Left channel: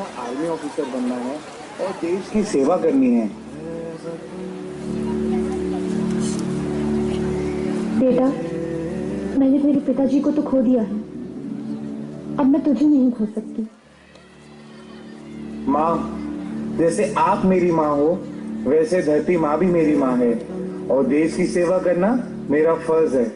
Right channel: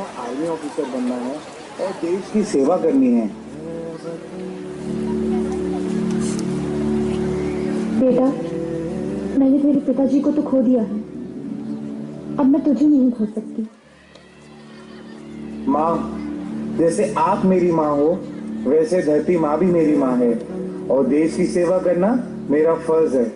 अच्छा army officer बनना है और देश की सेवा करनी है। बेटा, मैंने मेरे पिताजी को तो खो दिया है, अब मैं तुझे नहीं खो सकती। माँ, जैसे आप मेरी माँ हो वैसे धरती माँ भी मेरी माँ है और देश की सेवा करना मेरा फर्ज है।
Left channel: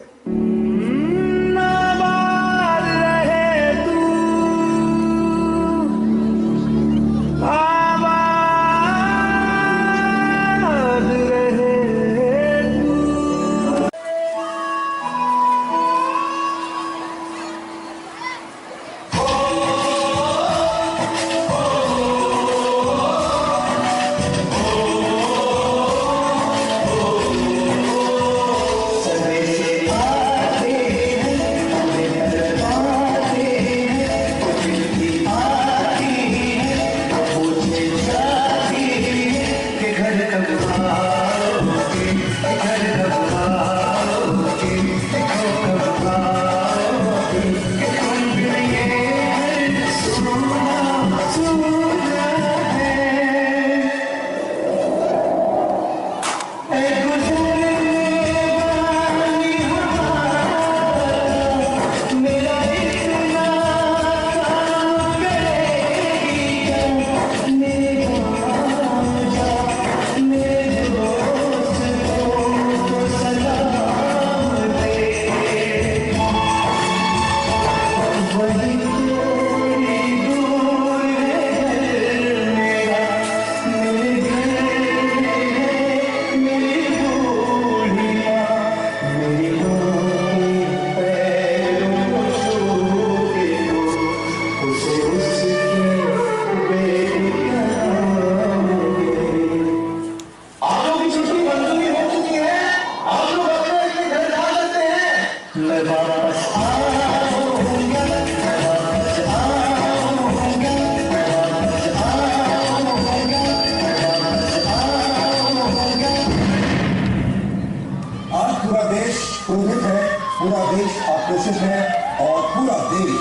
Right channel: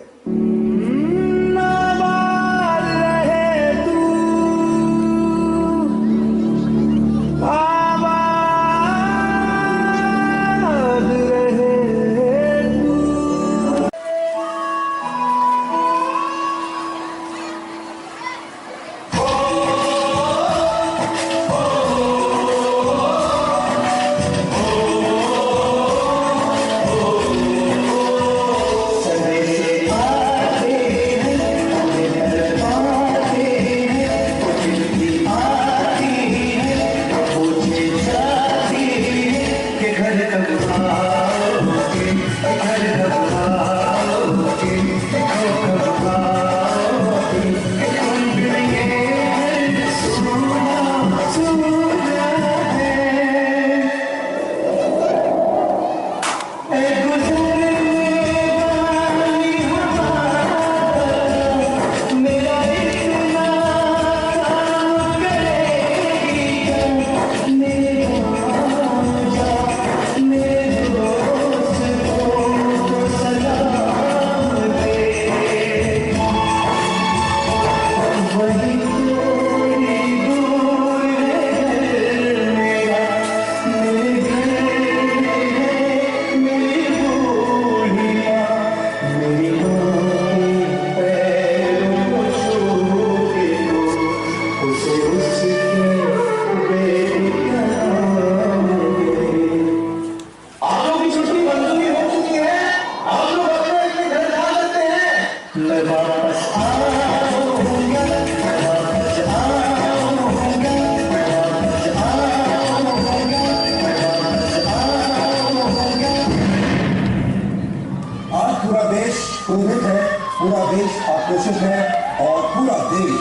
क्रोधित है, पूरा देश आक्रोशित है और पूरा देश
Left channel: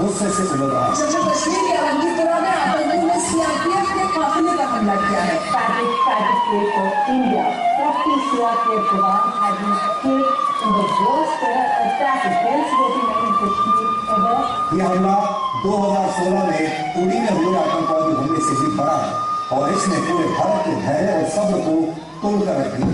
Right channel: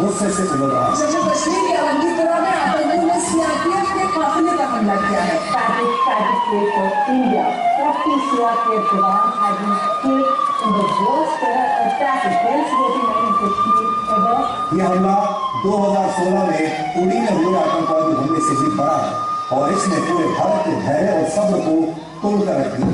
गुस्से से उमड़ रहा है। जम्मू कश्मीर के अवंतीपुरा में आतंकियों ने सीआरपीएफ के काफिले पर हमला किया है। Patriot of India, 40 CRPF जवान had been killed in the worst terror attack against voting in Kashmir ever. ये हमला 2016 में उड़ी में हुए आतंकवादी हमले से भी बड़ा है और इसने पूरे भारत के धैर्य और सब्र को तोड़कर रख दिया।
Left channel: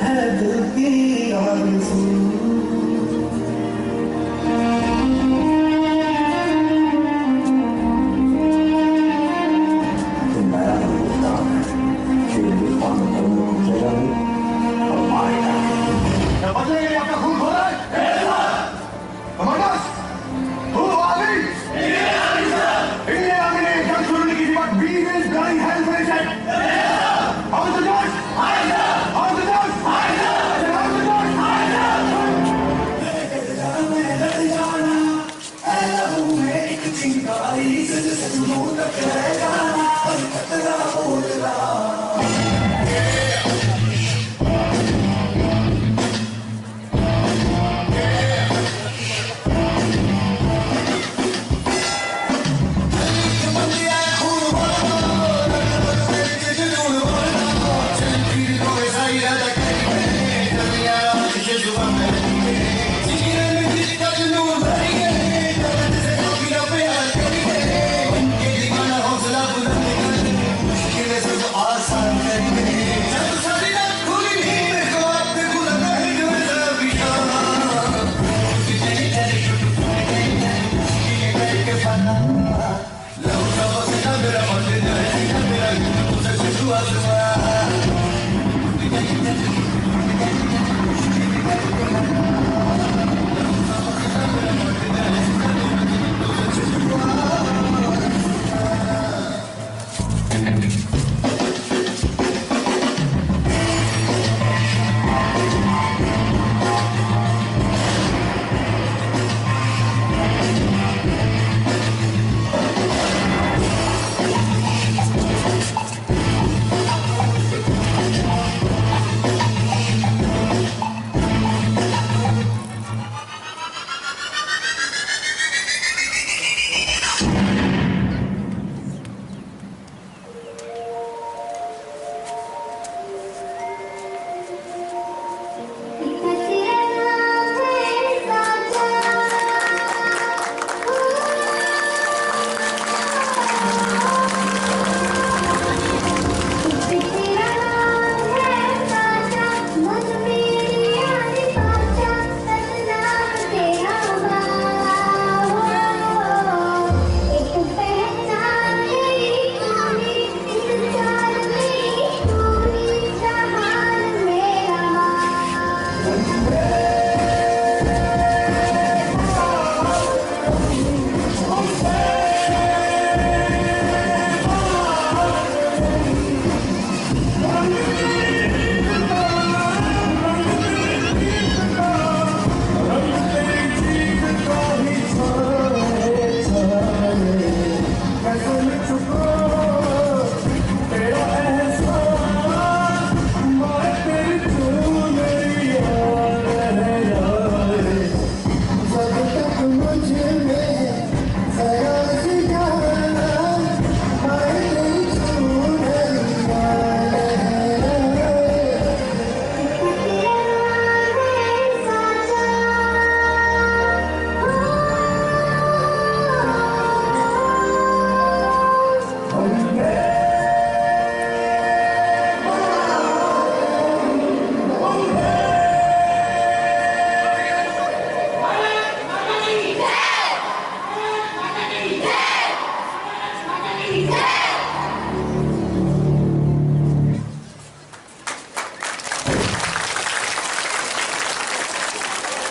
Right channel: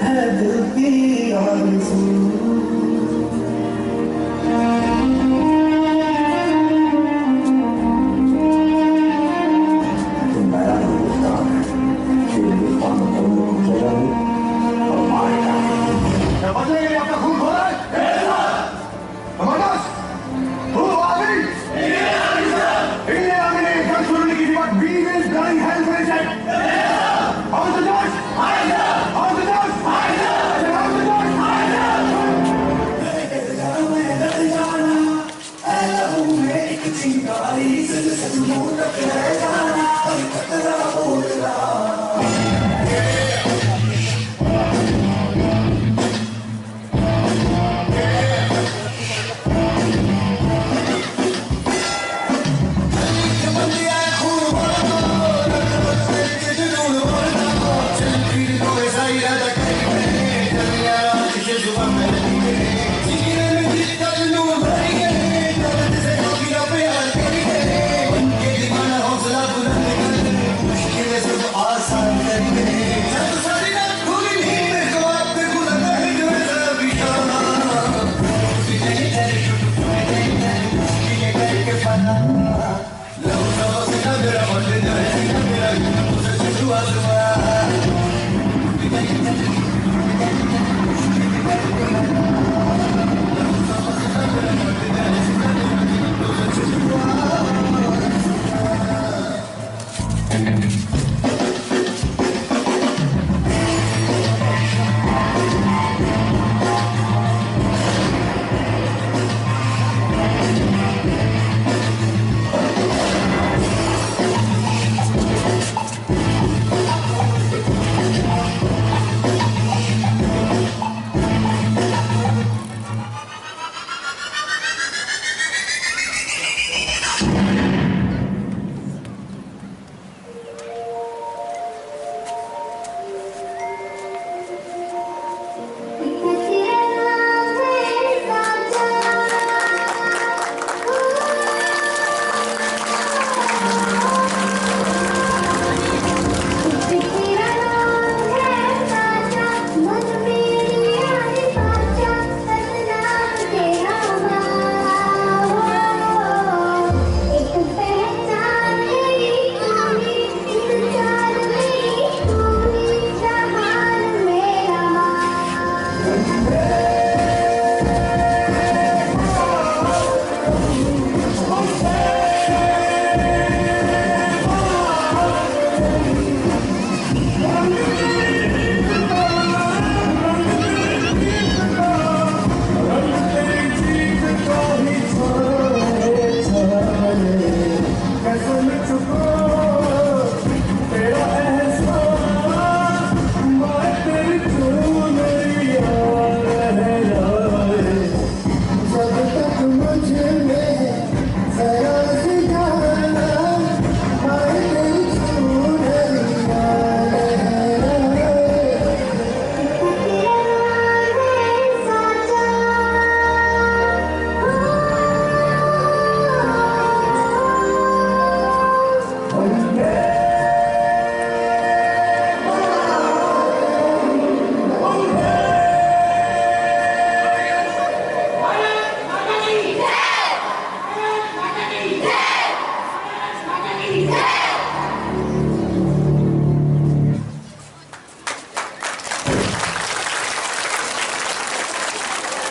है दिल की आरज़ू। Yeah!